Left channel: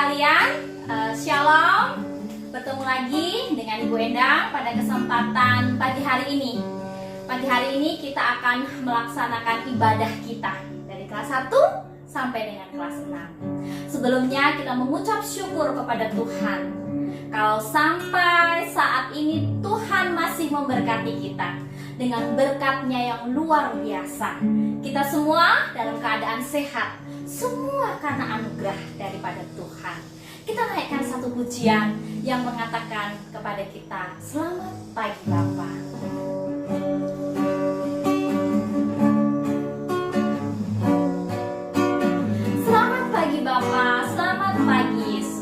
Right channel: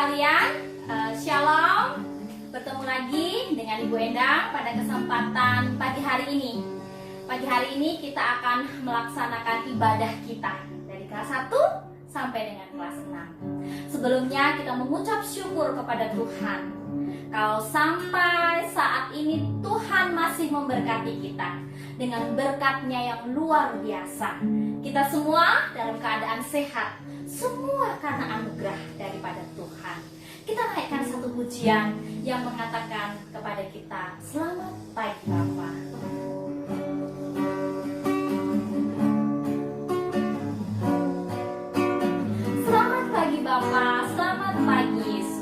sekalian, Shalom. Bertemu lagi dengan Ibu Endang pada kesempatan pagi hari ini. Pagi hari ini kita akan melaksanakan ibadah kita dari kelas 1 sampai dengan kelas 6. Sebelumnya kita mengucap syukur kepada Tuhan. Kalau sampai saat ini Tuhan masih memberkati kita dengan berkat-Nya yang luar biasa. Kita semua dalam keadaan sehat, semua karena anugerah daripada Tuhan. Kita naikkan satu pujian yang mengatakan kepada kita, selamat pagi Bapa. Selamat pagi Bapa, selamat pagi Yesus.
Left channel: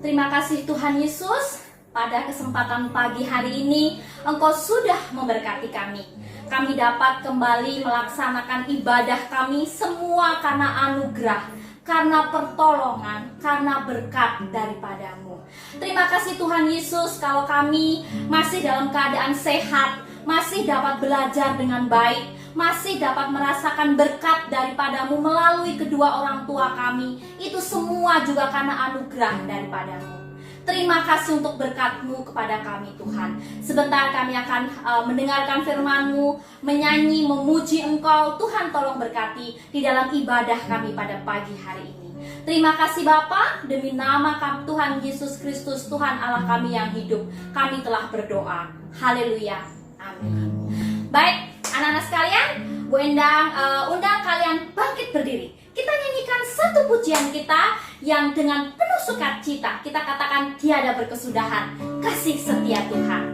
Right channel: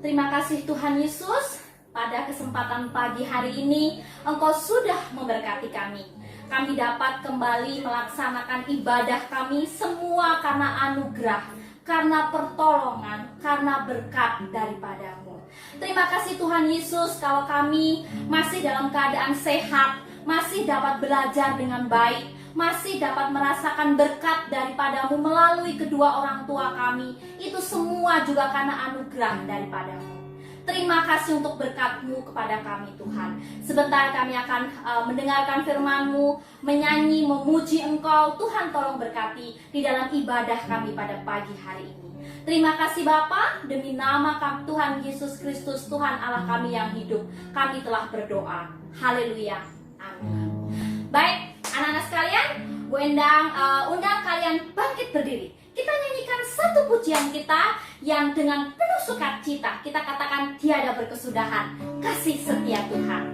Terima kasih Tuhan Yesus, pada kesempatan pagi hari ini Engkau sudah memberkati kami. Kami dapat kembali melaksanakan ibadah kami semua karena anugerah, karena pertolongan, karena berkat daripadamu. Terima kasih Tuhan Yesus, kalau kami masih dalam keadaan sehat, masih dapat belajar dengan baik, masih dapat merasakan berkat daripadamu melalui kedua orang tua kami. Itu semua juga karena anugerah daripadamu. Terima kasih untuk berkat-Mu kepada kami Tuhan. Sebentar kami akan mendengarkan firman-Mu, menyanyi, memuji Engkau. Tuhan tolong berkati di dalam ibadah kami pada pagi hari ini. Terima kasih Bapa, demi nama Tuhan Yesus Kristus, Tuhan Allah kami yang hidup, kami telah berdoa. Haleluya. Amin. Baik, anak-anak sekalian, Bu Endang undang kalian bangkit berdiri. Kita nyanyikan satu pujian kita yang dengan penuh sukacita kita katakan tiada berkesudahan, kasih setia Tuhan.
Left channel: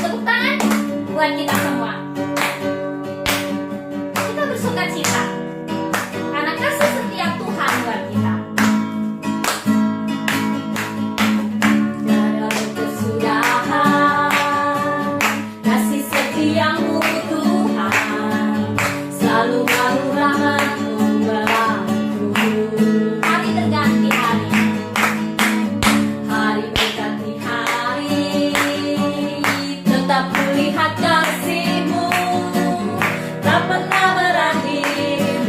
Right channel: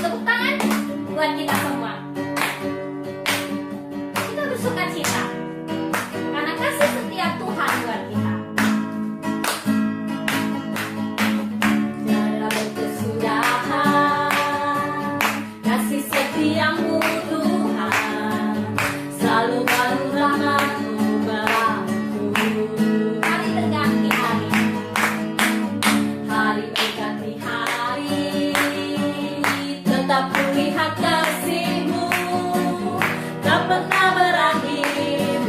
Tepuk tangan buat kita semua. Kita bersukacita karena kasih setia Tuhan buat kita. Tiada berkesudahan, kasih setiamu Tuhan, selalu baru rahmat-Mu. Lihat kasih-Mu tak pernah berakhir.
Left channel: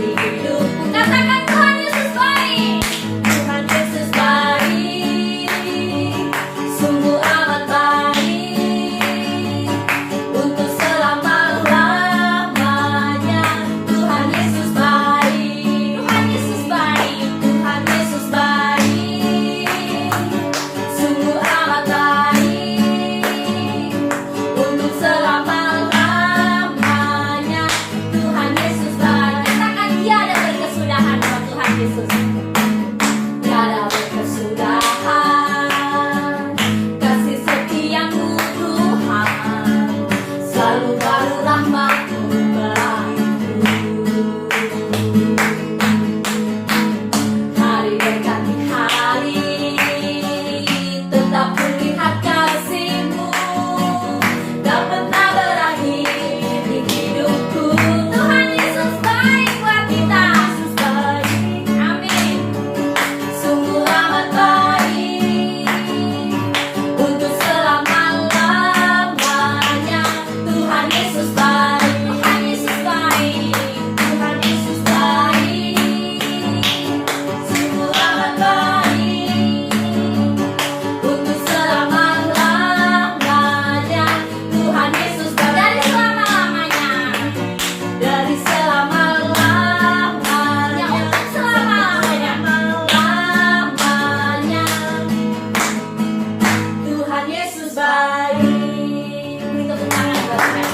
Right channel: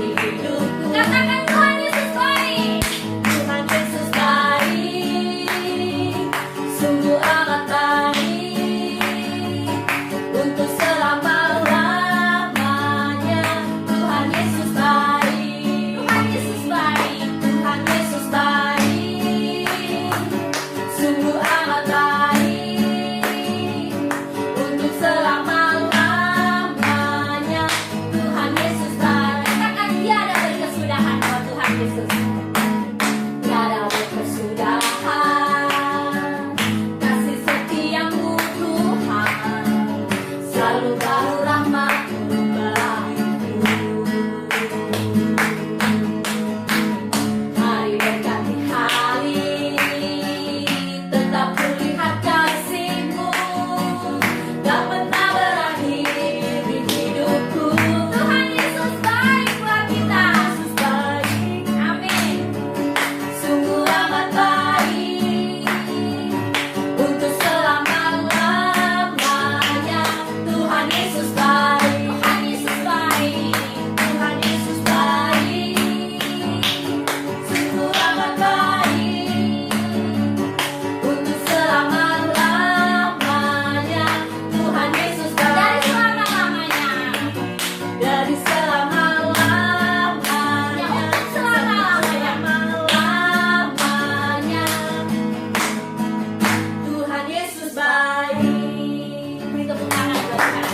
kesudahan dalam Tuhan Yesus. Tiada berkesudahan kasih setiamu Tuhan, selalu baru rahmat-Mu berlaku. Hari berganti hari, tetap kulihat kasih-Mu, dapat tak berakhir di hidupku. Tuhan Yesus baik buat kita. Yesus baik, amin. Sungguh amat baik untuk selama-lamanya. Tuhan Yesus baik, Tuhan Yesus baik, Tuhan Yesus baik. Sungguh amat baik untuk selama-lamanya. Tuhan Yesus baik dari selama-lamanya, dari selama-lamanya, untuk selama-lamanya, lamanya. Tuhan Yesus baik. Beri tepuk tangan buat Tuhan.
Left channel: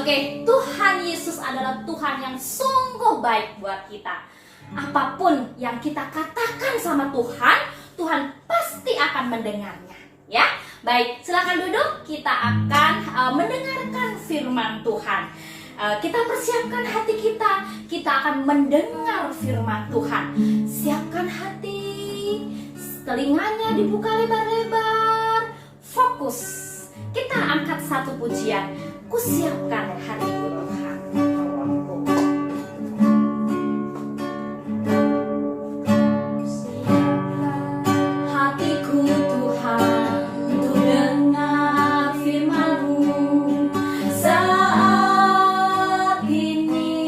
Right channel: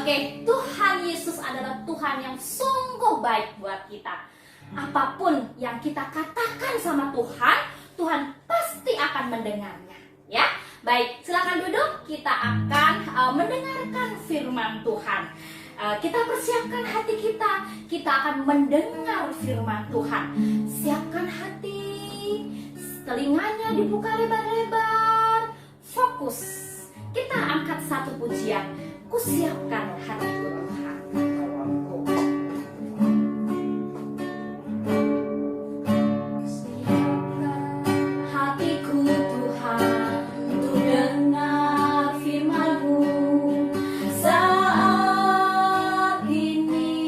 Oke, Tuhan Yesus adalah Tuhan yang sungguh baik buat kita. Apapun yang kita katakan sama Tuhan, Tuhan pasti akan mendengarnya. Ya, baik, silakan duduk. Kita akan mendengarkan firman Tuhan. Kita persiapkan hati kita. Kita akan mendengar firman Tuhan. Siapkan hati, telinganya dibuka lebar-lebar. Fokus. Kita angkat satu pujian. Kusiapkan hatiku Tuhan. Hatiku Tuhan untuk dengar firman-Mu saat ini.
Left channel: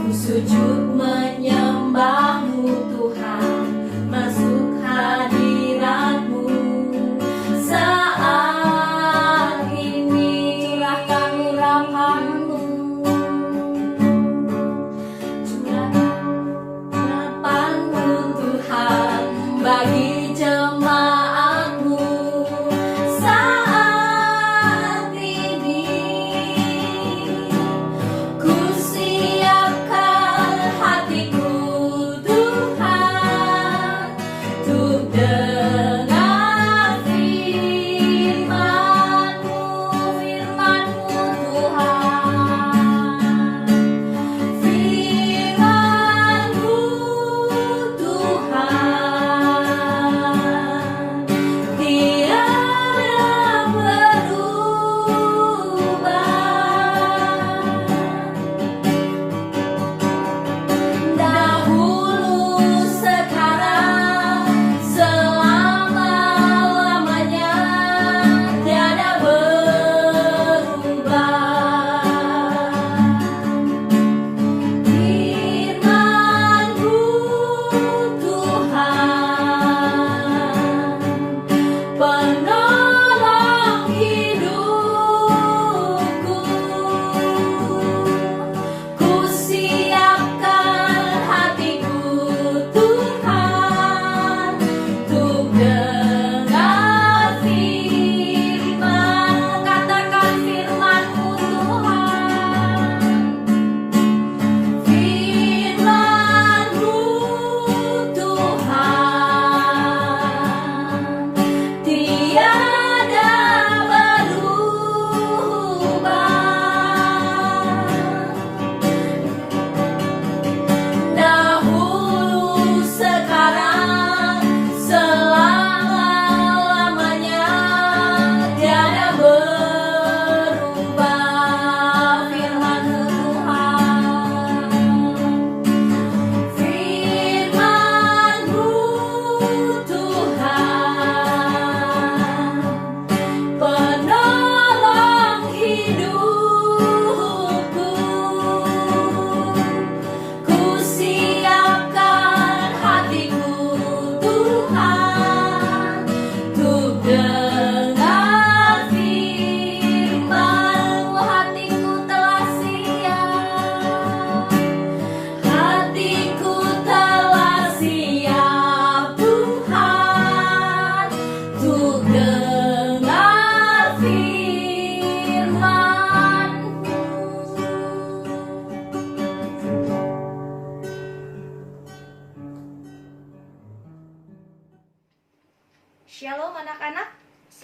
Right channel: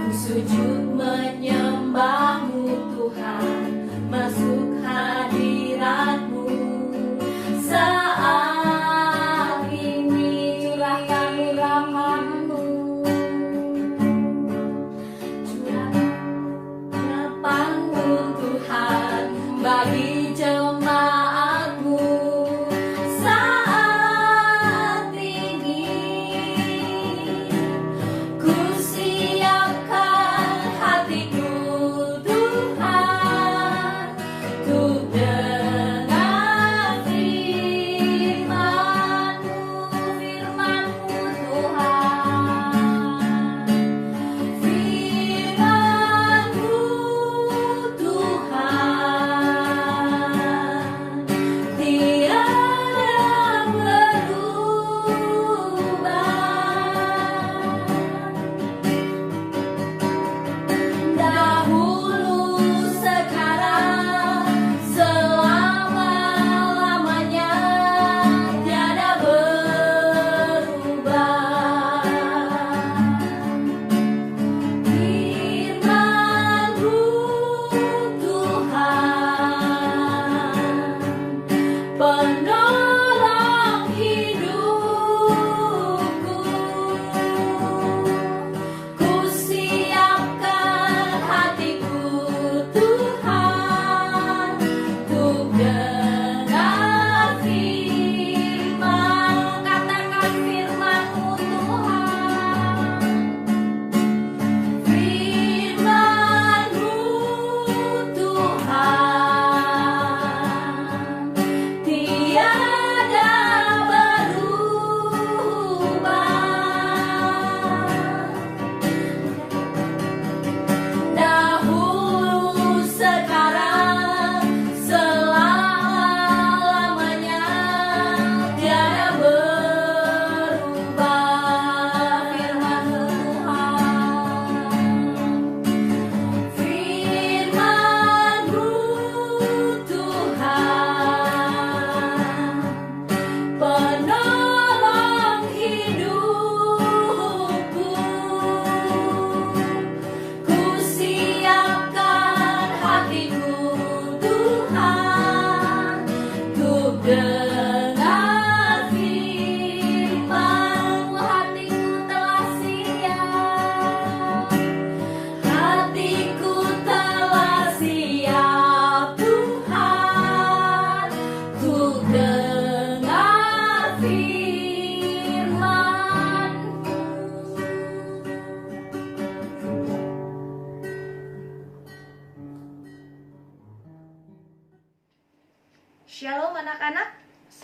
Ku sujud menyembah-Mu Tuhan, masuk hadirat-Mu saat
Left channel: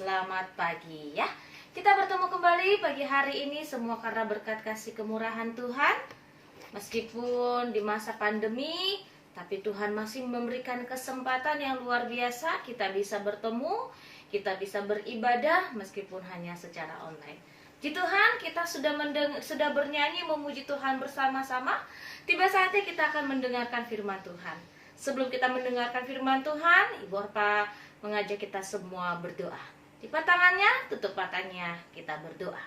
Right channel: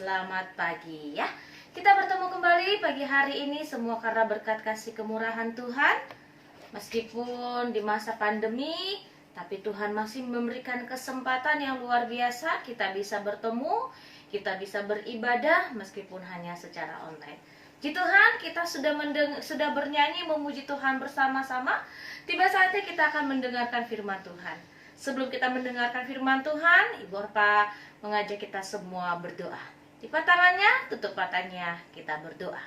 Selamat pagi ya. Kita bertemu kembali pagi hari ini semua karena berkat kasih kemurahan Tuhan. Meskipun di masa pandemi, tapi Tuhan masih memberikan kesempatan yang luar biasa. Kita bisa bertemu, kita bisa beribadah meskipun hanya secara online. Puji Tuhan, kita sudah bernyanyi memuji Tuhan bersama-sama. Tiba saatnya kita akan mendengarkan firman Tuhan. Sebelum kita mendengarkan firman Tuhan, Ibu Orpa mengajak kita semua berdoa. Lipat tangannya, tutup matanya, kita berdoa.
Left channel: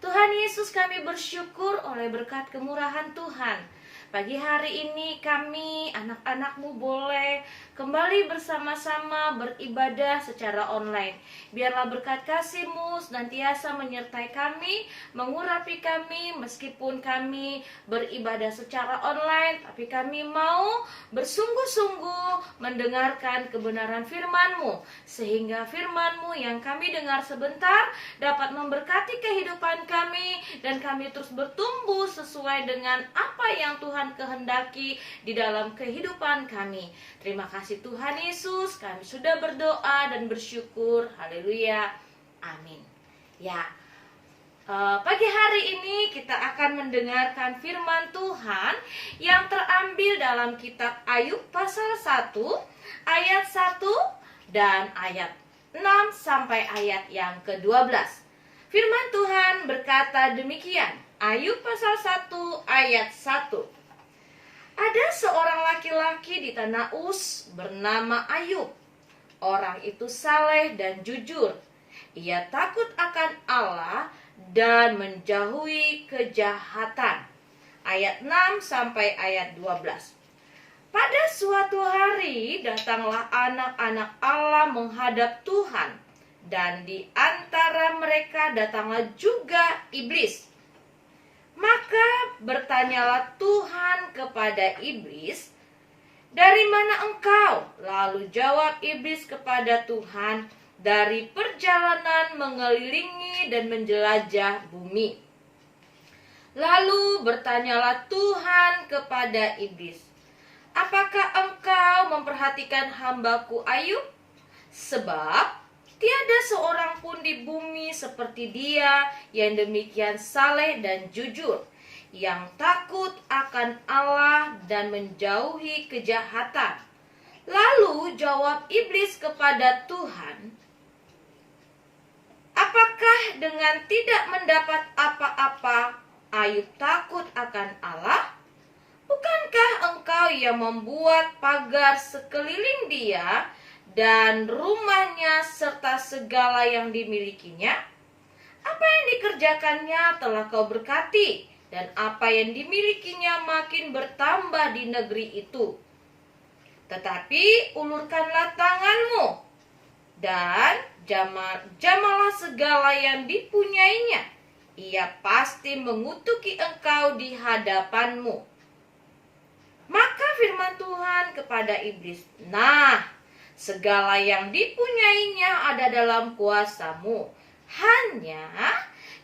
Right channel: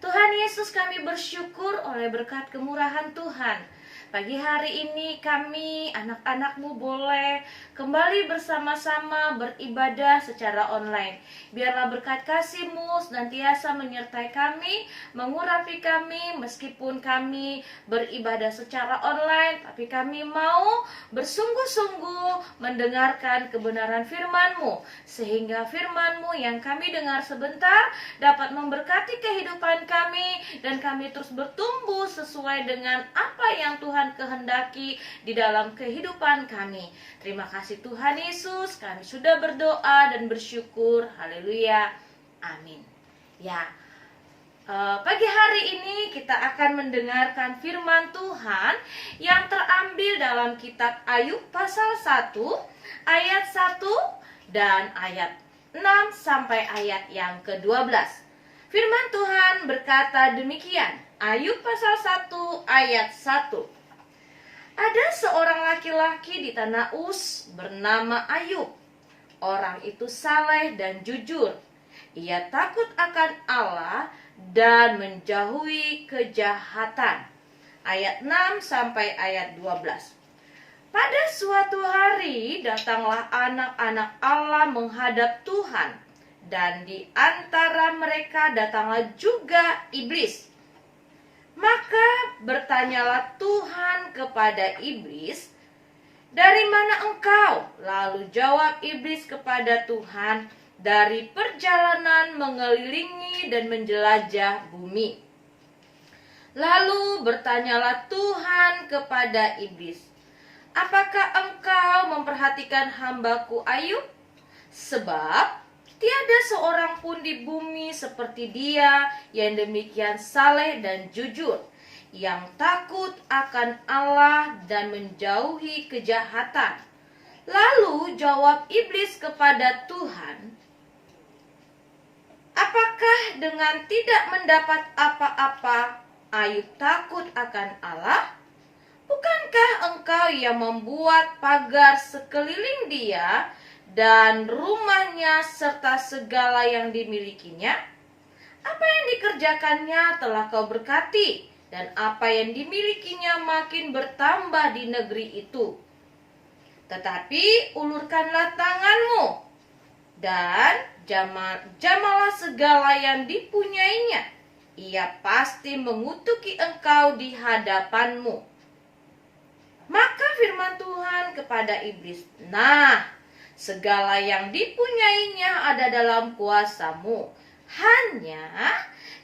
Tuhan Yesus, kami bersyukur oleh berkat kemurahan Tuhan. Pagi hari ini kami, anak-anak-Mu boleh kembali bersama-sama beribadah secara online. Biarlah berkat kasih-Mu senantiasa menyertai kami, mengurapi kami meskipun kami beribadah secara online. Tapi kami mau bersungguh-sungguh mendengarkan kebenaran firman-Mu. Sehingga firman-Mu yang kami dengar sebentar dapat memberkati kehidupan kami. Dan kami terus bertumbuh sesuai dengan apa yang Tuhan kehendaki di dalam kehidupan kami. Terima kasih Tuhan Yesus, kami sudah berdoa dan bersyukur. Haleluya, amin. Ya, pagi hari ini kita akan mendengarkan firman Tuhan yang terambil dalam kitab Ayub pasal 1 ayat 1 dan ayat 6 sampai ayat yang ke-12. Firman Tuhan berkata demikian. Ayub pasal 1 ayat 1. Ada seorang laki-laki di tanah Uz bernama Ayub. Orang itu saleh dan jujur. Ia takut akan Allah dan menjauhi kejahatan. Ayat 6 sampai ayat 12. Pada suatu hari datanglah anak-anak Allah menghadap Tuhan. Dan di antara mereka datanglah juga iblis. Maka bertanyalah Tuhan kepada iblis, "Dari mana engkau?" Lalu jawab iblis kepada Tuhan, "Dari perjalanan mengelilingi dan menjelajah bumi." Lalu bertanyalah Tuhan kepada iblis, "Apakah engkau memperhatikan hamba-Ku Ayub? Sebab tiada seorang pun di bumi seperti dia yang demikian saleh dan jujur, yang takut akan Allah dan menjauhi kejahatan." Lalu jawab iblis kepada Tuhan, "Apakah dengan tidak mendapat apa-apa Ayub takut akan Allah? Bukankah engkau yang membuat pagar sekeliling dia dan rumahnya serta segala yang dimilikinya? Apa yang dikerjakannya telah kau berkati, dan apa yang dimilikinya makin bertambah di negeri itu. Tetapi ulurkanlah tanganmu dan jamalah segala yang dipunyainya. Ia pasti mengutuki engkau di hadapanmu." Maka firman Tuhan kepada iblis, "Nah, segala yang dipunyainya ada dalam kuasamu. Hanya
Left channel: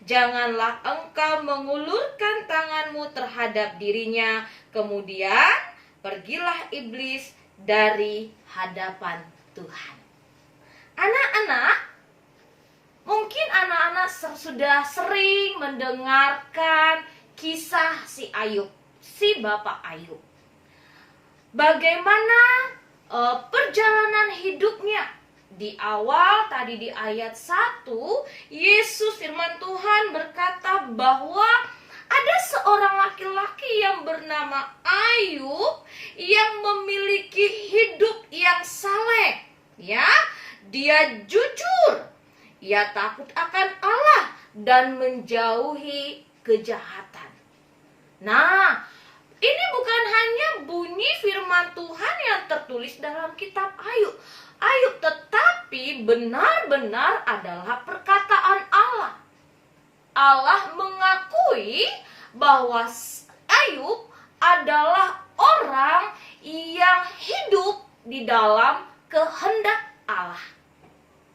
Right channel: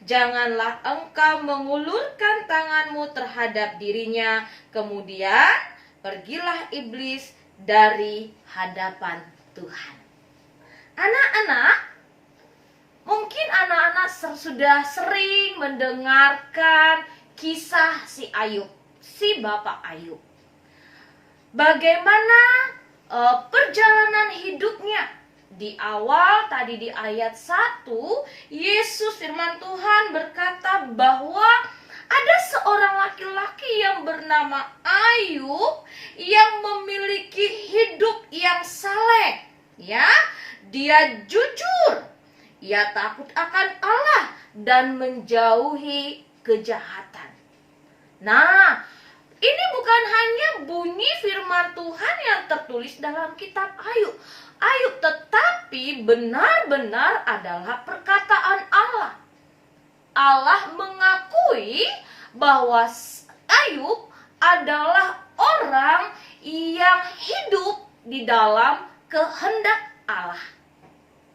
janganlah engkau mengulurkan tanganmu terhadap dirinya." Kemudian pergilah iblis dari hadapan Tuhan. Anak-anak, mungkin anak-anak sudah sering mendengarkan kisah si Ayub, si Bapak Ayub. Bagaimana perjalanan hidupnya. Di awal tadi di ayat 1, Yesus firman Tuhan berkata bahwa ada seorang laki-laki yang bernama Ayub yang memiliki hidup yang saleh. Ya, dia jujur. Ia takut akan Allah dan menjauhi kejahatan. Nah, ini bukan hanya bunyi firman Tuhan yang tertulis dalam kitab Ayub, tetapi benar-benar adalah perkataan Allah. Allah mengakui bahwa Ayub adalah orang yang hidup di dalam kehendak Allah.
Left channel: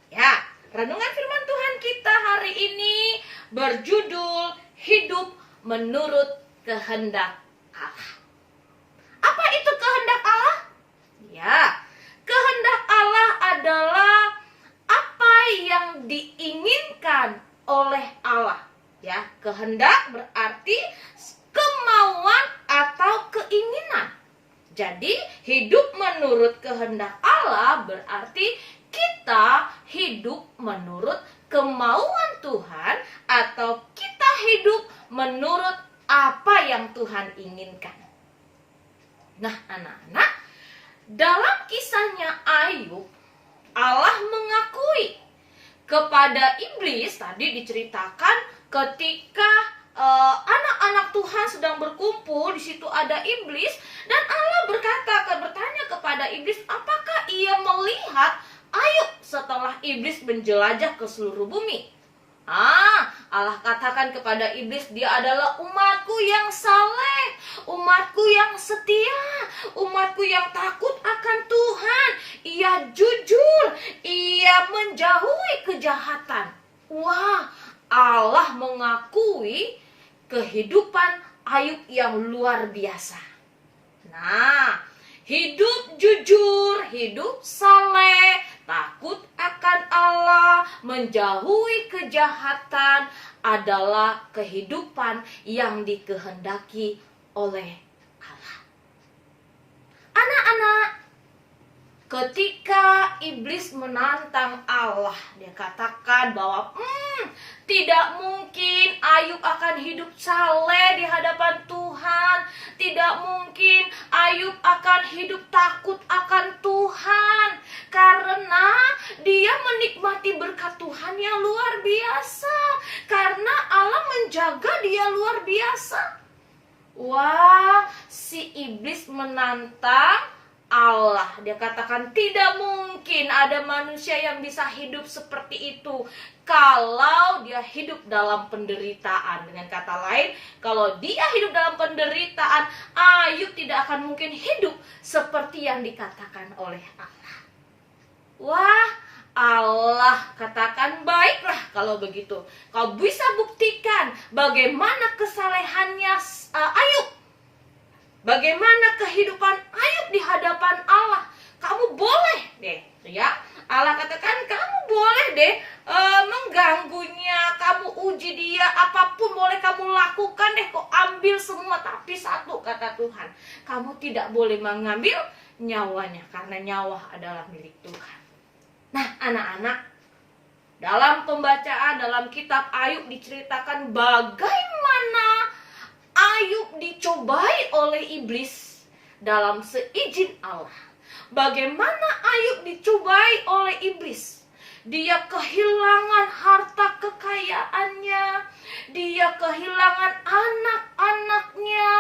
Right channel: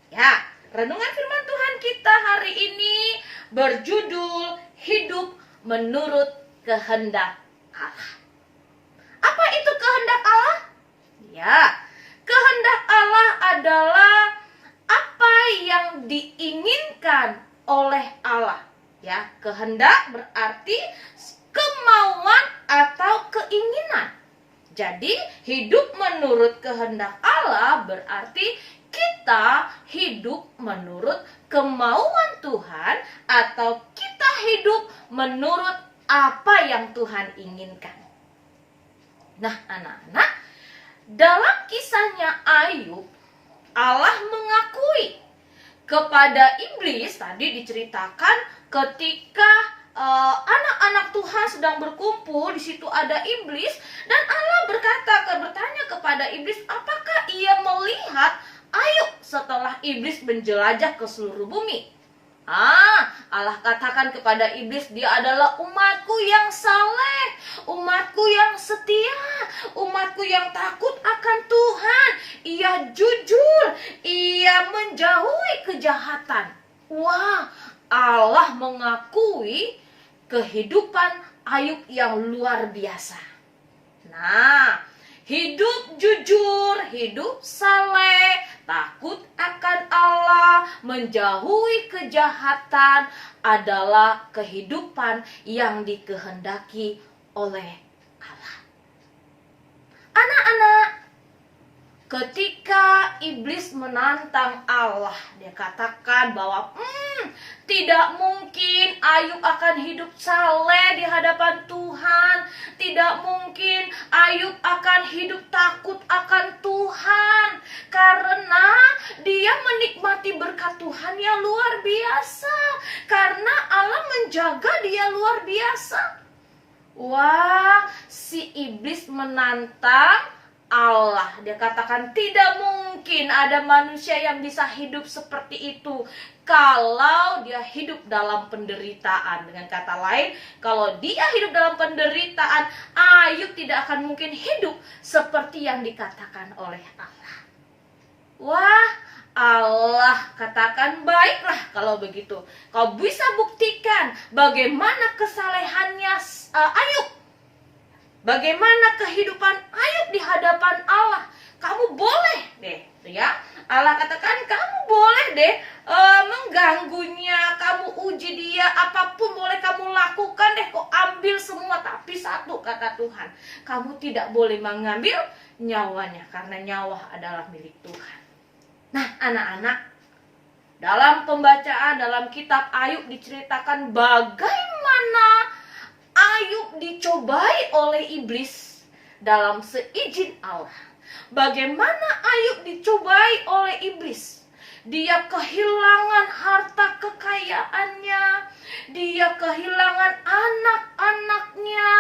Ya, renungan firman Tuhan kita hari ini berjudul Hidup Menurut Kehendak Allah. Apa itu kehendak Allah? Ya, kehendak Allah adalah apa yang diinginkan oleh Allah. Ya, kehendak berarti kemauan atau keinginan. Jadi, hidup menurut kehendak Allah berarti kita hidup menurut kemauan Tuhan atau kita hidup menurut apa yang Tuhan inginkan. Nah, anak-anak, dalam kisahnya Ayub, Allah mengakui kepada iblis. Tadi diceritakan ketika anak-anak Tuhan sedang berkumpul, di situ ada iblis, dan Allah bertanya kepada iblis, apakah ia melihat Ayub setelah iblis menjelajah ke seluruh bumi? Allah katakan kepada iblis, dia adalah umatku yang saleh, umatku yang setia, umatku yang takut akan Tuhan. Ia jujur, ia menjauhi kejahatan. Wah, Allah mengakui kehidupan Ayub yang luar biasa. Nah, hidup jujur, hidup saleh, takut akan Allah, menjauhi kejahatan adalah kehidupan yang dikehendaki oleh Allah. Anak-anak, ketika iblis menantang Allah, dia katakan bahwa tidak mungkin Ayub akan hidup saleh di hadapan Tuhan. Tidak mungkin Ayub akan hidup takut akan Tuhan, karena dia menikmati berkat Tuhan yang luar biasa, karena Allah menjaga dia luar biasa. Wah, si iblis menantang Allah. Dia katakan tidak mungkin ada manusia yang bisa hidup seperti itu kalau dia hidup dalam penderitaan. Dengan kata lain, kalau dia hidup dalam penderitaan, Ayub tidak akan mungkin hidup seperti yang dikatakan oleh Allah. Wah, Allah katakan, baiklah kalau begitu. Kau bisa buktikan bagaimana kesalehannya Ayub, bagaimana kehidupan Ayub di hadapan Allah. Kamu boleh deh, ya. Allah katakan kamu boleh deh mengganggunya, kamu uji dia, apapun boleh kamu lakukan deh, kau ambil semua. Tapi satu kata Tuhan, kamu tidak boleh mengambil nyawanya, karena nyawa adalah milik Tuhan. Nah, anak-anak, dalam pembacaan dalam kitab Ayub diceritakan bagaimana Ayub dicobai oleh iblis dalam seizin Allah. Bagaimana Ayub dicobai oleh iblis? Dia kehilangan harta kekayaannya, dia kehilangan anak-anaknya.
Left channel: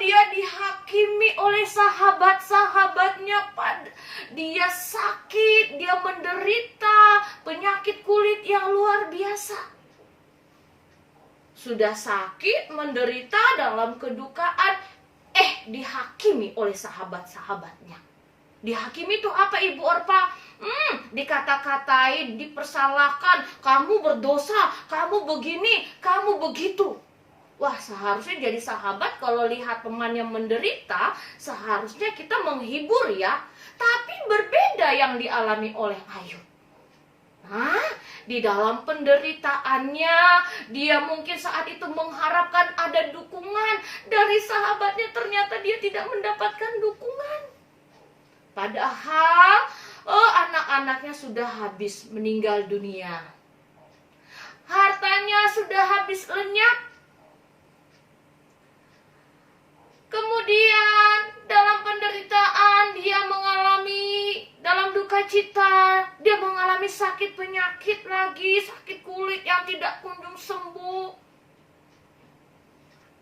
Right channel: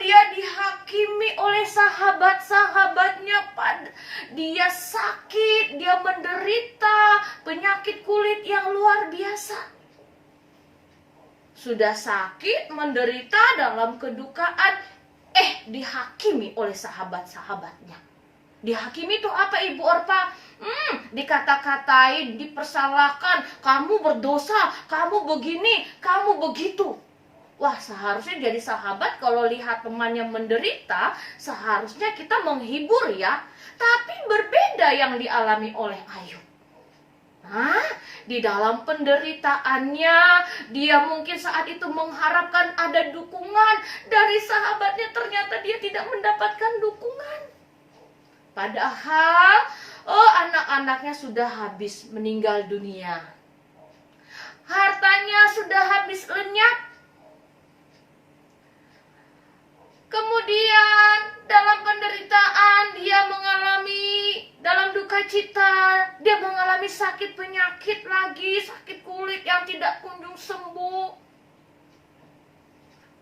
Dia dihakimi oleh sahabat-sahabatnya. Dia sakit, dia menderita penyakit kulit yang luar biasa. Sudah sakit, menderita dalam kedukaan, dihakimi oleh sahabat-sahabatnya. Dihakimi itu apa, Ibu Orpa? Dikata-katain, dipersalahkan, kamu berdosa, kamu begini, kamu begitu. Wah, seharusnya jadi sahabat kalau lihat temannya menderita, seharusnya kita menghibur ya. Tapi berbeda yang dialami oleh Ayub. Di dalam penderitaannya, dia mungkin saat itu mengharapkan ada dukungan dari sahabatnya, ternyata dia tidak mendapatkan dukungan. Padahal anak-anaknya sudah habis meninggal dunia. Hartanya sudah habis lenyap. Kemudian dalam penderitaan dia mengalami, dalam duka cita, dia mengalami sakit penyakit lagi, sakit kulit yang tidak kunjung sembuh.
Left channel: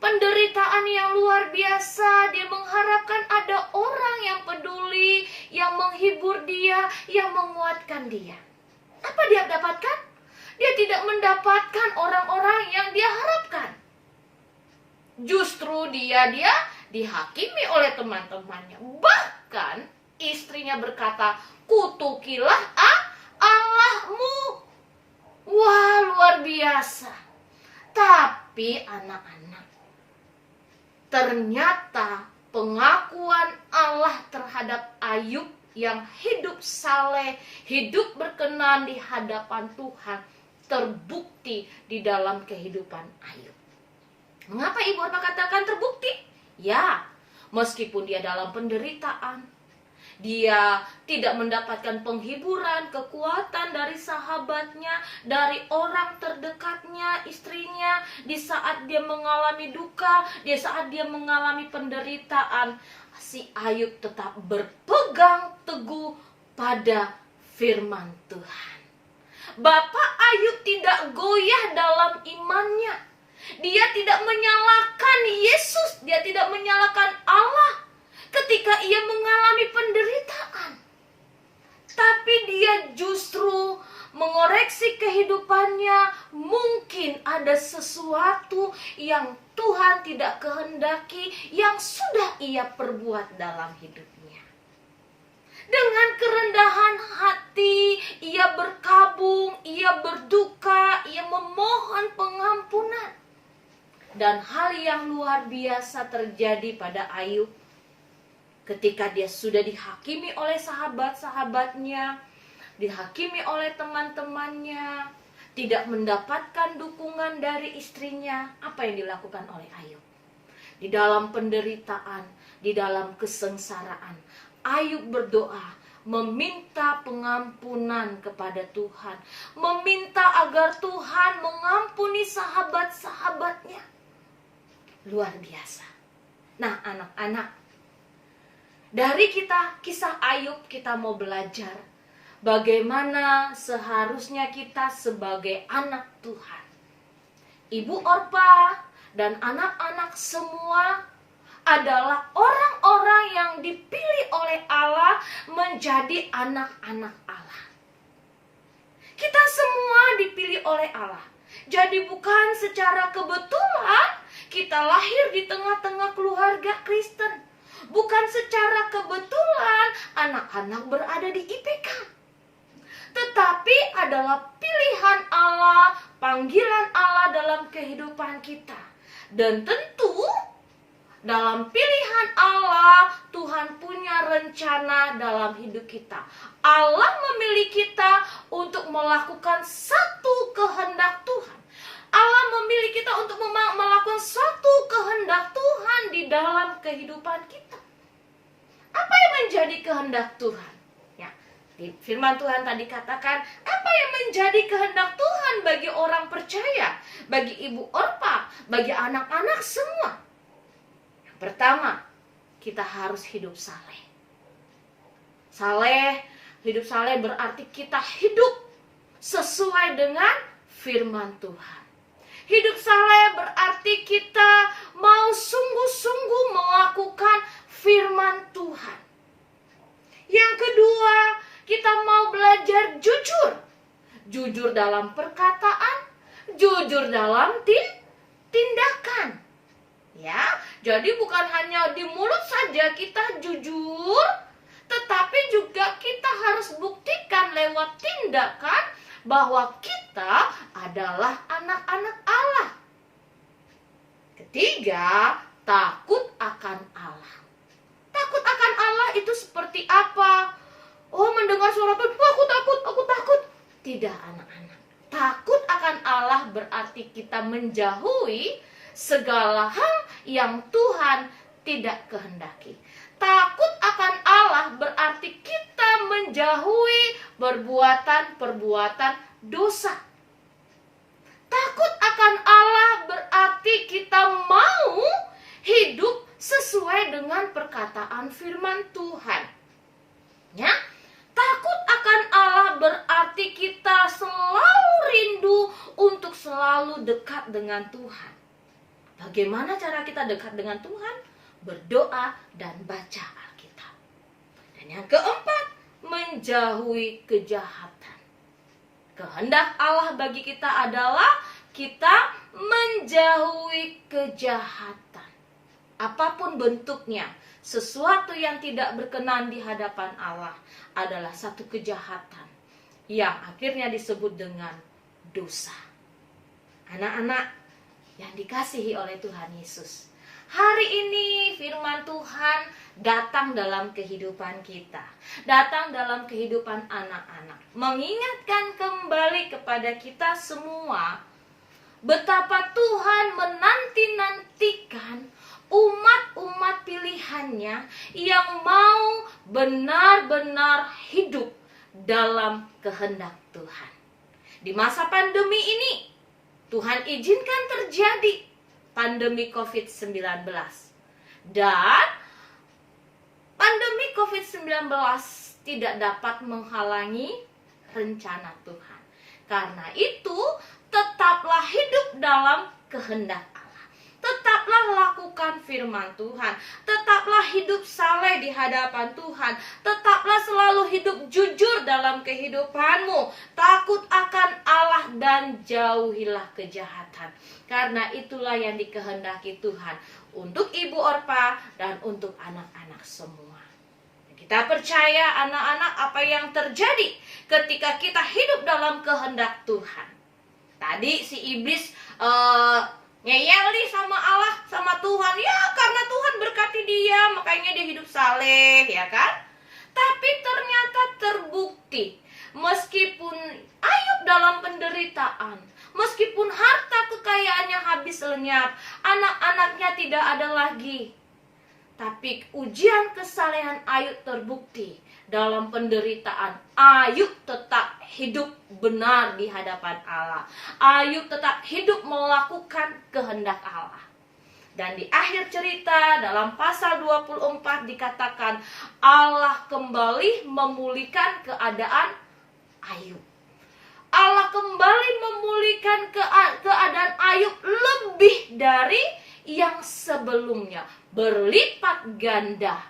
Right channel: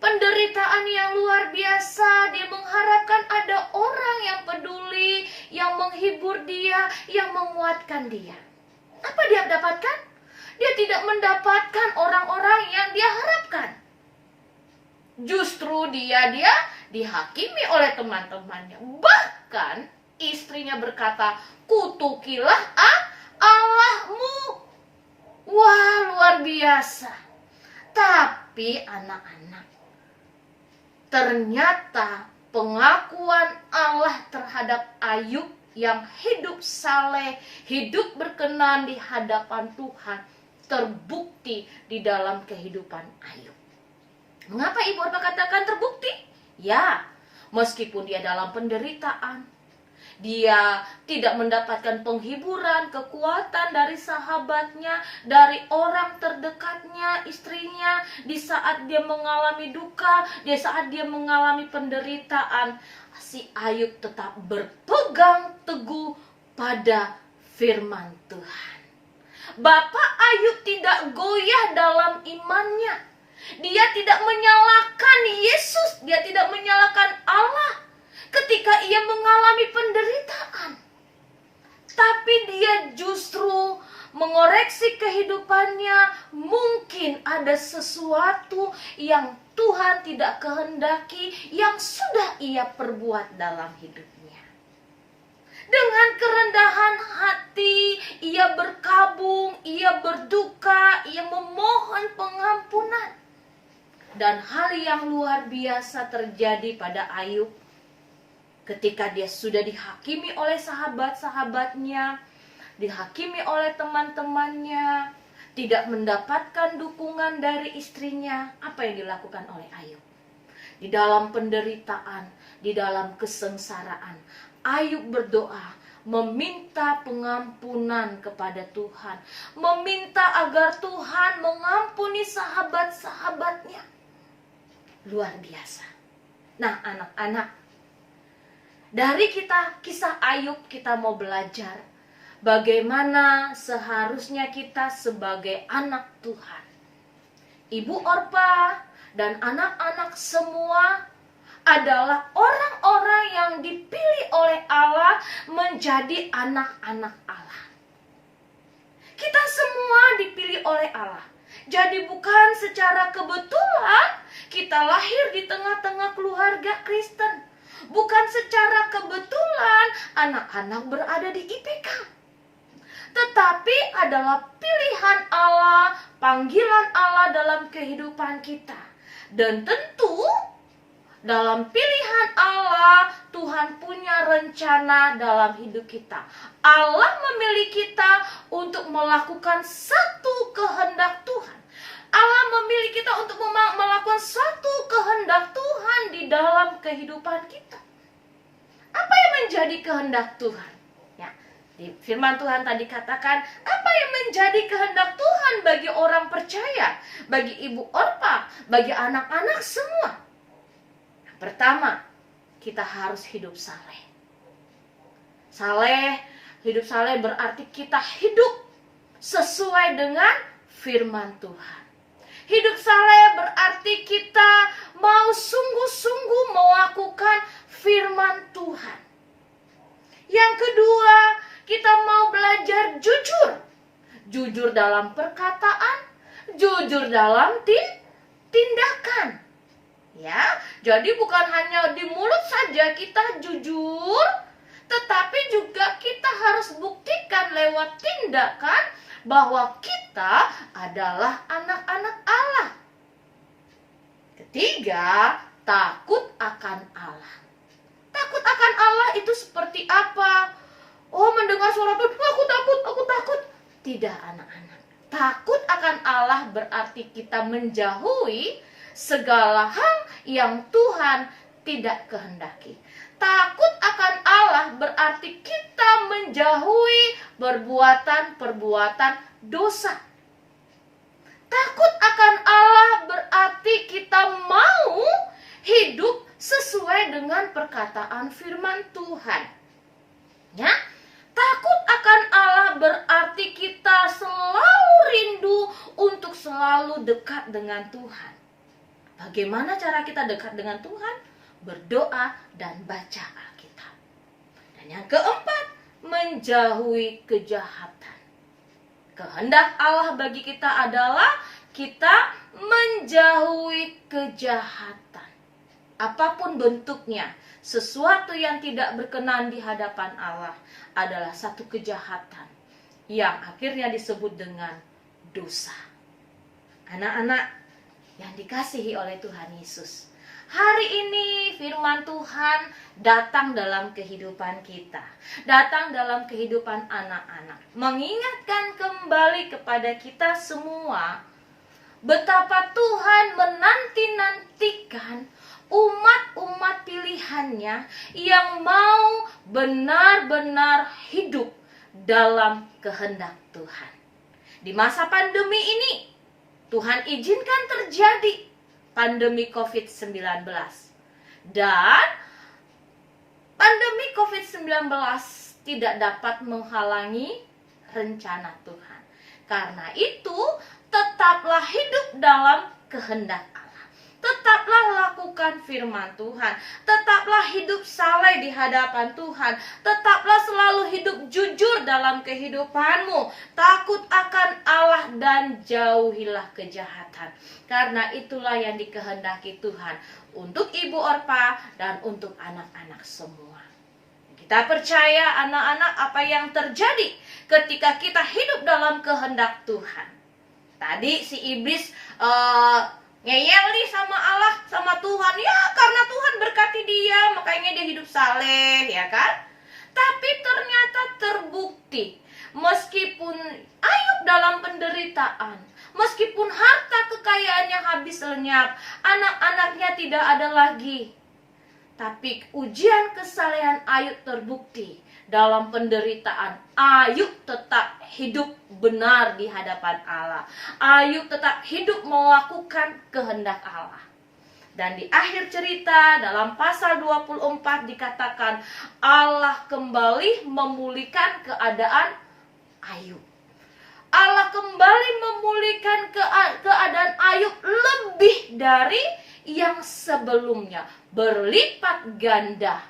Penderitaan yang luar biasa, dia mengharapkan ada orang yang peduli, yang menghibur dia, yang menguatkan dia. Apa dia dapatkan? Dia tidak mendapatkan orang-orang yang dia harapkan. Justru dia dihakimi oleh teman-temannya. Bahkan istrinya berkata, kutukilah Allahmu. Wah, luar biasa. Tapi anak-anak, ternyata pengakuan Allah terhadap Ayub yang hidup saleh, hidup berkenan di hadapan Tuhan terbukti di dalam kehidupan Ayub. Mengapa Ibu Orpa katakan terbukti? Ya, meskipun dia dalam penderitaan, dia tidak mendapatkan penghiburan, kekuatan dari sahabatnya, dari orang terdekatnya, istrinya, di saat dia mengalami duka, di saat dia mengalami penderitaan, si Ayub tetap berpegang teguh pada firman Tuhan. Bapak Ayub tidak goyah dalam imannya. Dia tidak menyalahkan Yesus, dia tidak menyalahkan Allah ketika ia mengalami penderitaan. Tapi dia justru mengoreksi kehidupannya. Mungkin ada sesuatu yang Tuhan tidak kehendaki yang sudah ia perbuat dalam hidupnya. Dengan kerendahan hati, ia berkabung, ia berduka, ia memohon pengampunan. Dan hal yang luar biasa terjadi pada Ayub. Ketika dia sudah dihakimi oleh sahabat-sahabatnya, dihakimi oleh teman-temannya, tidak mendapatkan dukungan dari istrinya, apa yang dilakukan oleh Ayub? Di dalam penderitaan, di dalam kesengsaraan, Ayub berdoa, meminta pengampunan kepada Tuhan, meminta agar Tuhan mengampuni sahabat-sahabatnya. Luar biasa. Nah, anak-anak, dari kisah Ayub kita mau belajar bagaimana seharusnya kita sebagai anak Tuhan. Ibu Orpa dan anak-anak semua adalah orang-orang yang dipilih oleh Allah menjadi anak-anak Allah. Kita semua dipilih oleh Allah. Jadi bukan secara kebetulan kita lahir di tengah-tengah keluarga Kristen. Bukan secara kebetulan anak-anak berada di IPK. Tetapi adalah pilihan Allah, panggilan Allah dalam kehidupan kita. Dan tentu dalam pilihan Allah, Tuhan punya rencana dalam hidup kita. Allah memilih kita untuk melakukan satu kehendak Tuhan. Allah memilih kita untuk melakukan satu kehendak Tuhan di dalam kehidupan kita. Apa yang menjadi kehendak Tuhan? Ya, di firman Tuhan tadi katakan, apa yang menjadi kehendak Tuhan bagi orang percaya, bagi Ibu Orpa, bagi anak-anak semua? Yang pertama, kita harus hidup saleh. Hidup saleh berarti kita hidup sesuai dengan firman Tuhan. Hidup saleh berarti kita mau sungguh-sungguh melakukan firman Tuhan. Yang kedua, kita mau belajar jujur. Jujur dalam perkataan, jujur dalam tindakan. Ya, jadi bukan hanya di mulut saja kita jujur, tetapi juga kita harus buktikan lewat tindakan bahwa kita adalah anak-anak Allah. Ketiga, takut akan Allah. Takut akan Allah itu seperti apa? Oh, mendengar suara Tuhan, aku takut. Tidak, anak-anak. Takut akan Allah berarti kita menjauhi segala hal yang Tuhan tidak kehendaki. Takut akan Allah berarti kita menjauhi perbuatan-perbuatan dosa. Takut akan Allah berarti kita mau hidup sesuai dengan perkataan firman Tuhan. Ya, takut akan Allah berarti kita selalu rindu untuk selalu dekat dengan Tuhan. Bagaimana cara kita dekat dengan Tuhan? Berdoa dan baca Alkitab. Dan yang keempat, menjauhi kejahatan. Kehendak Allah bagi kita adalah kita menjauhi kejahatan. Apapun bentuknya, sesuatu yang tidak berkenan di hadapan Allah adalah satu kejahatan yang akhirnya disebut dengan dosa. Anak-anak yang dikasihi oleh Tuhan Yesus, Hari ini firman Tuhan datang dalam kehidupan kita, datang dalam kehidupan anak-anak, mengingatkan kembali kepada kita semua betapa Tuhan menanti-nantikan umat-umat pilihannya yang mau benar-benar hidup dalam kehendak Tuhan. Di masa pandemi ini, Tuhan izinkan terjadi pandemi COVID-19. Dan pandemi COVID-19 tidak dapat menghalangi rencana Tuhan. Karena itu, tetaplah hidup dalam kehendak Allah. Tetaplah lakukan firman Tuhan. Tetaplah hidup saleh di hadapan Tuhan. Tetaplah selalu hidup jujur dalam kehidupanmu. Takut akan Allah dan jauhilah kejahatan. Karena itulah yang dikehendaki Tuhan untuk Ibu Orpa dan untuk anak-anak semua. Kita percaya anak-anak apa yang terjadi ketika kita hidup dalam kehendak Tuhan. Tadi si iblis ngeyel nih sama Allah, sama Tuhan. Ya karena Tuhan berkati dia, makanya dia hidup saleh, ya kan? Tapi ternyata terbukti, meskipun Ayub dalam penderitaan, meskipun harta kekayaannya habis lenyap, anak-anaknya tidak ada lagi. Tapi ujian kesalehan Ayub terbukti. Dalam penderitaan, Ayub tetap hidup benar di hadapan Allah. Ayub tetap hidup melakukan kehendak Allah. Dan di akhir cerita dalam pasal 24 dikatakan Allah kembali memulihkan keadaan Ayub. Allah kembali memulihkan keadaan Ayub lebih dari yang sebelumnya. Berlipat ganda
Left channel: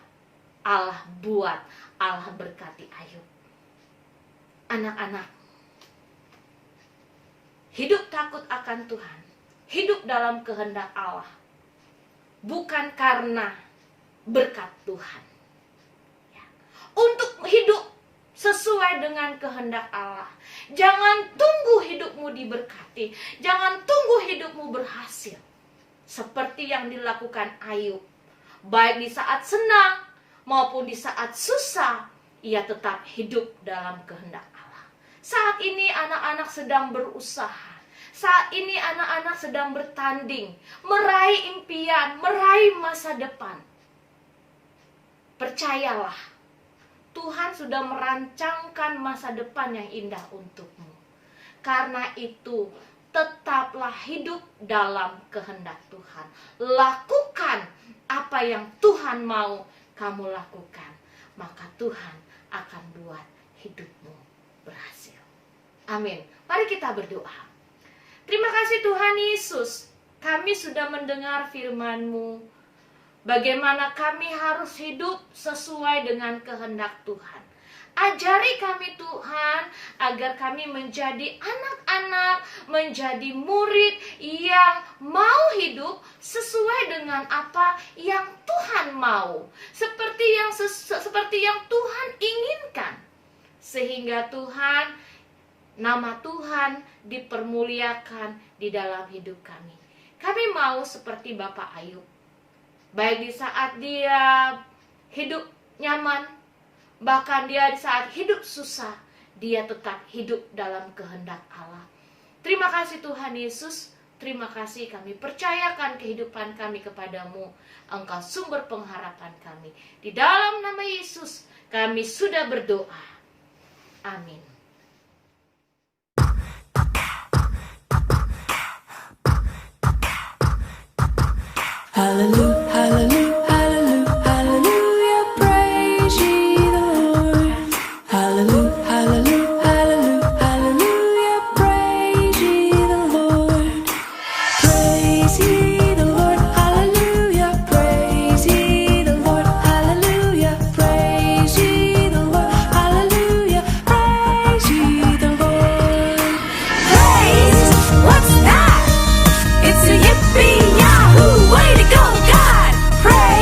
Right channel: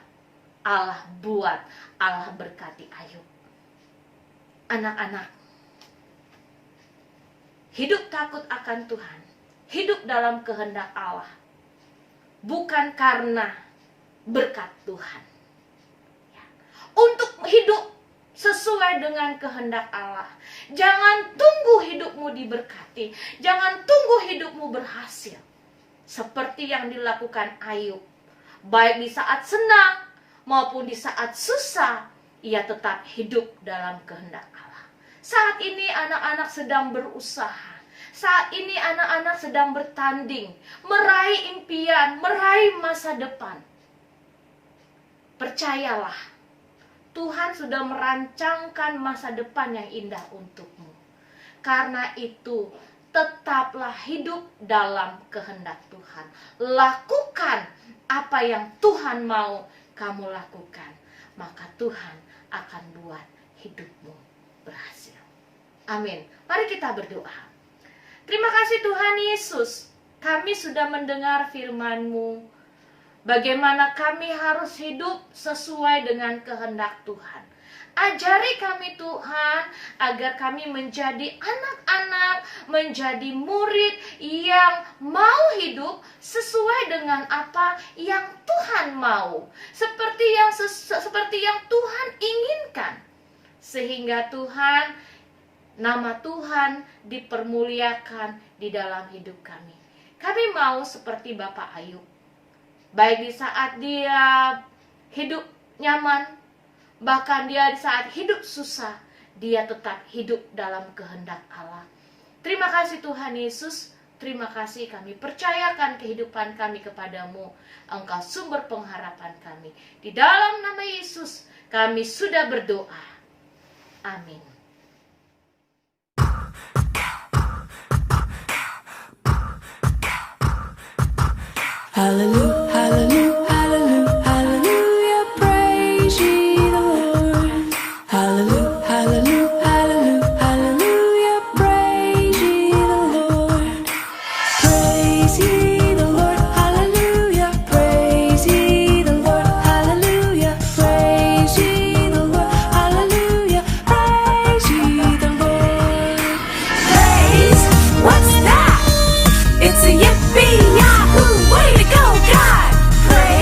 Allah buat, Allah berkati Ayub. Anak-anak, hidup takut akan Tuhan, hidup dalam kehendak Allah, bukan karena berkat Tuhan. Ya. Untuk hidup sesuai dengan kehendak Allah, jangan tunggu hidupmu diberkati, jangan tunggu hidupmu berhasil. Seperti yang dilakukan Ayub, baik di saat senang maupun di saat susah, ia tetap hidup dalam kehendak Allah. Saat ini anak-anak sedang berusaha. Saat ini anak-anak sedang bertanding, meraih impian, meraih masa depan. Percayalah, Tuhan sudah merancangkan masa depan yang indah untukmu. Karena itu, tetaplah hidup dalam kehendak Tuhan. Lakukan apa yang Tuhan mau kamu lakukan, maka Tuhan akan buat hidupmu berhasil. Amin. Mari kita berdoa. Terima kasih Tuhan Yesus, kami sudah mendengar firman-Mu. Bagaimana kami harus hidup sesuai dengan kehendak Tuhan. Ajari kami Tuhan, agar kami menjadi anak-anak, menjadi murid yang mau hidup sesuai dengan apa yang Tuhan mau. Seperti yang Tuhan inginkan. Sehingga Tuhan, nama Tuhan dipermuliakan di dalam hidup kami. Kami mau seperti Bapak Ayub. Baik di saat dia hidup nyaman, bahkan dia di saat hidup susah, dia tetap hidup dalam kehendak Allah. Terima kasih Tuhan Yesus. Terima kasih, kami percayakan kehidupan kami kepadamu. Engkau sumber pengharapan kami. Di dalam nama Yesus kami sudah berdoa. Amin. Hallelujah, hallelujah, hallelujah, hallelujah, praise ye the Lord. Hallelujah, hallelujah, hallelujah, hallelujah, praise ye the Lord. Praise ye the Lord, hallelujah, praise ye the Lord, hallelujah, praise ye the Lord, hallelujah, praise ye the Lord. Praise, what's that? It's a yippee-yahoo, way to go, God! Praise.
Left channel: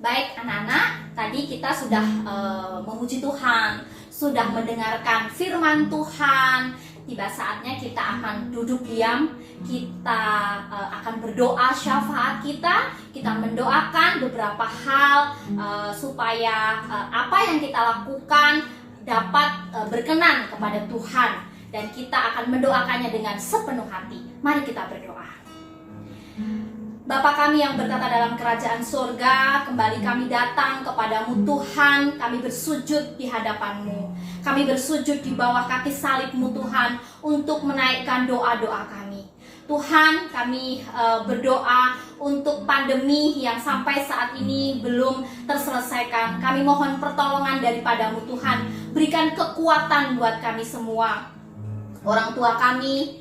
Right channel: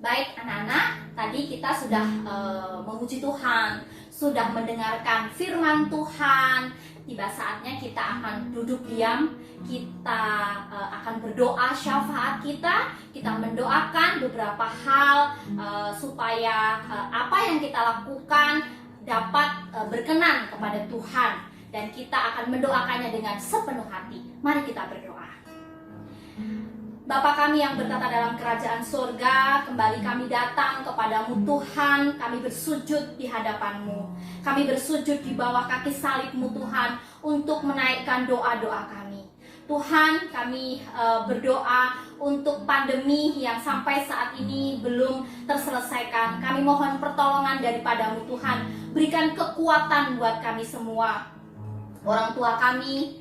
Baik anak-anak, tadi kita sudah memuji Tuhan, sudah mendengarkan firman Tuhan. Tiba saatnya kita akan duduk diam, kita akan berdoa syafaat kita mendoakan beberapa hal supaya apa yang kita lakukan dapat berkenan kepada Tuhan. Dan kita akan mendoakannya dengan sepenuh hati. Mari kita berdoa. Bapa kami yang bertata dalam kerajaan surga, kembali kami datang kepadamu Tuhan, kami bersujud di hadapan-Mu. Kami bersujud di bawah kaki salib-Mu Tuhan, untuk menaikkan doa-doa kami. Tuhan, kami berdoa untuk pandemi yang sampai saat ini belum terselesaikan. Kami mohon pertolongan daripada-Mu Tuhan, berikan kekuatan buat kami semua. Orang tua kami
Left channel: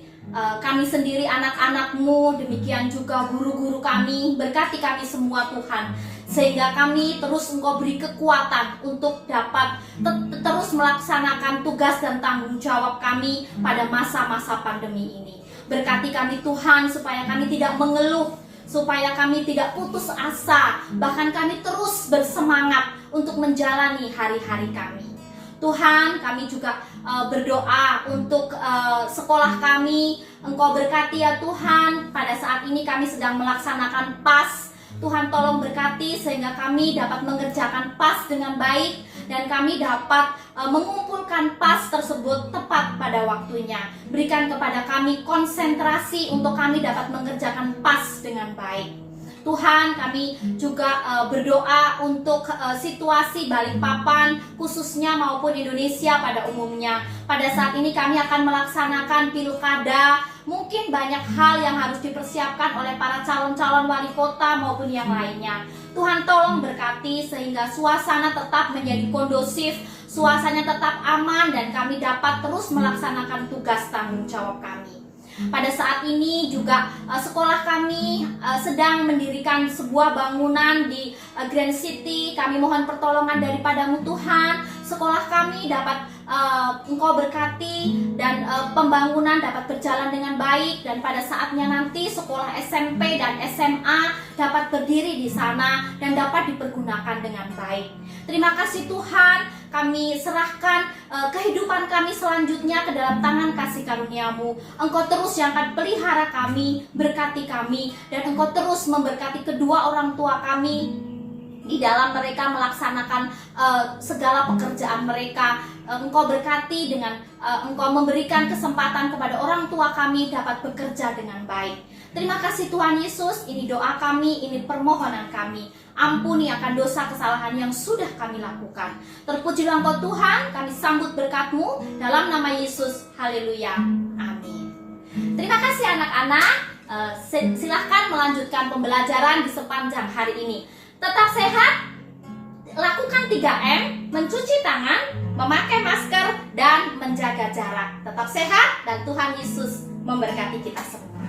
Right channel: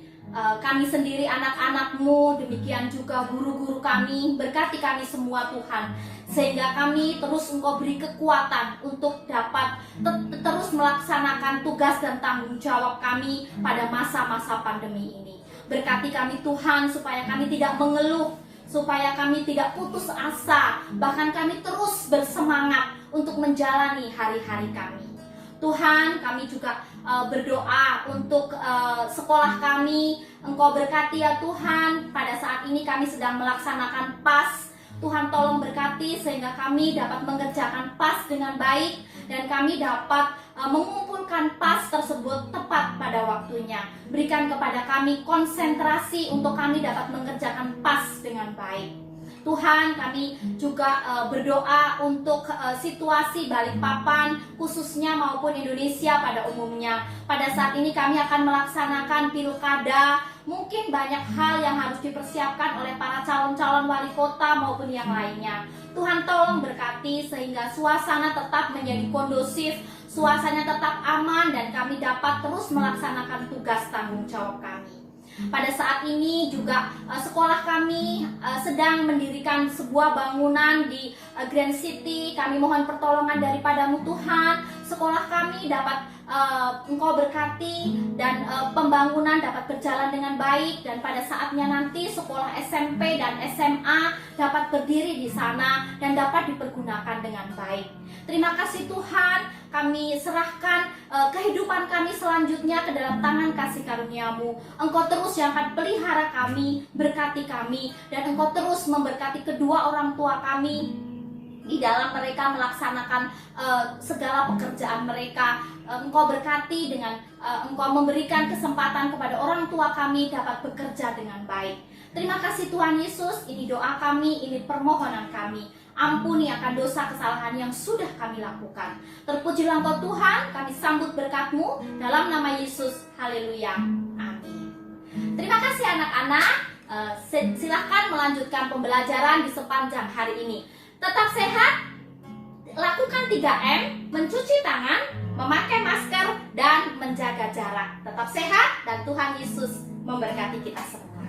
sendiri, anak-anak-Mu, demikian juga guru-guru kami, berkati kami semua Tuhan, sehingga kami terus Engkau beri kekuatan untuk dapat terus melaksanakan tugas dan tanggung jawab kami pada masa-masa pandemi ini. Berkati kami Tuhan, supaya kami tidak mengeluh, supaya kami tidak putus asa, bahkan kami terus bersemangat untuk menjalani hari-hari kami. Tuhan, kami juga berdoa untuk sekolah kami. Engkau berkati ya Tuhan, pada saat ini kami sedang melaksanakan PAS. Tuhan tolong berkati sehingga kami dapat mengerjakan PAS dengan baik, dan kami dapat mengumpulkan PAS tersebut tepat pada waktunya. Berikan kepada kami konsentrasi untuk kami dapat mengerjakan PAS dengan baik. Tuhan, kami juga berdoa untuk situasi Balikpapan khususnya maupun Indonesia pada umumnya. Pada saat ini kami akan melaksanakan pilkada. Mungkin banyak hal yang harus dipersiapkan oleh para calon-calon wali kota maupun yang lainnya. Tuhan tolong berkati sehingga suasana tetap menjadi kondusif, suasananya tetap aman, dan kami dapat terus melaksanakan tugas tanggung jawab kami. Pada saat ini juga sekolah kami sedang mendirikan sebuah bangunan di Grand City. Kami mohon pertolongan daripada-Mu Tuhan. Sekolah kami dapat Engkau berkati, dan pembangunan dapat berjalan dengan baik, dan pada saatnya nanti sekolah SMP dan SMA dapat berdiri di sana dan dapat dipergunakan dengan baik. Terima kasih Tuhan, kami serahkan kehidupan kami selanjutnya ke dalam tangan kasih karunia-Mu. Engkau terus yang akan pelihara kami, berkati kami, dan Engkau terus memberkati kedua orang tua kami di dalam mereka melaksanakan segala pekerjaan mereka. Engkau berkati dengan Engkau memberikan kesempatan kepada orang tua kami dapat bekerja dengan baik. Terima kasih Tuhan Yesus, ini doa kami, ini permohonan kami. Ampuni akan dosa kesalahan yang sudah kami lakukan. Terpujilah Engkau Tuhan, kami sambut berkat-Mu dalam nama Yesus. Haleluya. Amin. Terima kasih anak-anak. Silahkan melanjutkan pembelajaran di sepanjang hari ini. Tetap sehat, lakukan 3M, mencuci tangan, memakai masker, dan menjaga jarak. Tetap sehat, dan Tuhan Yesus memberkati kita semua.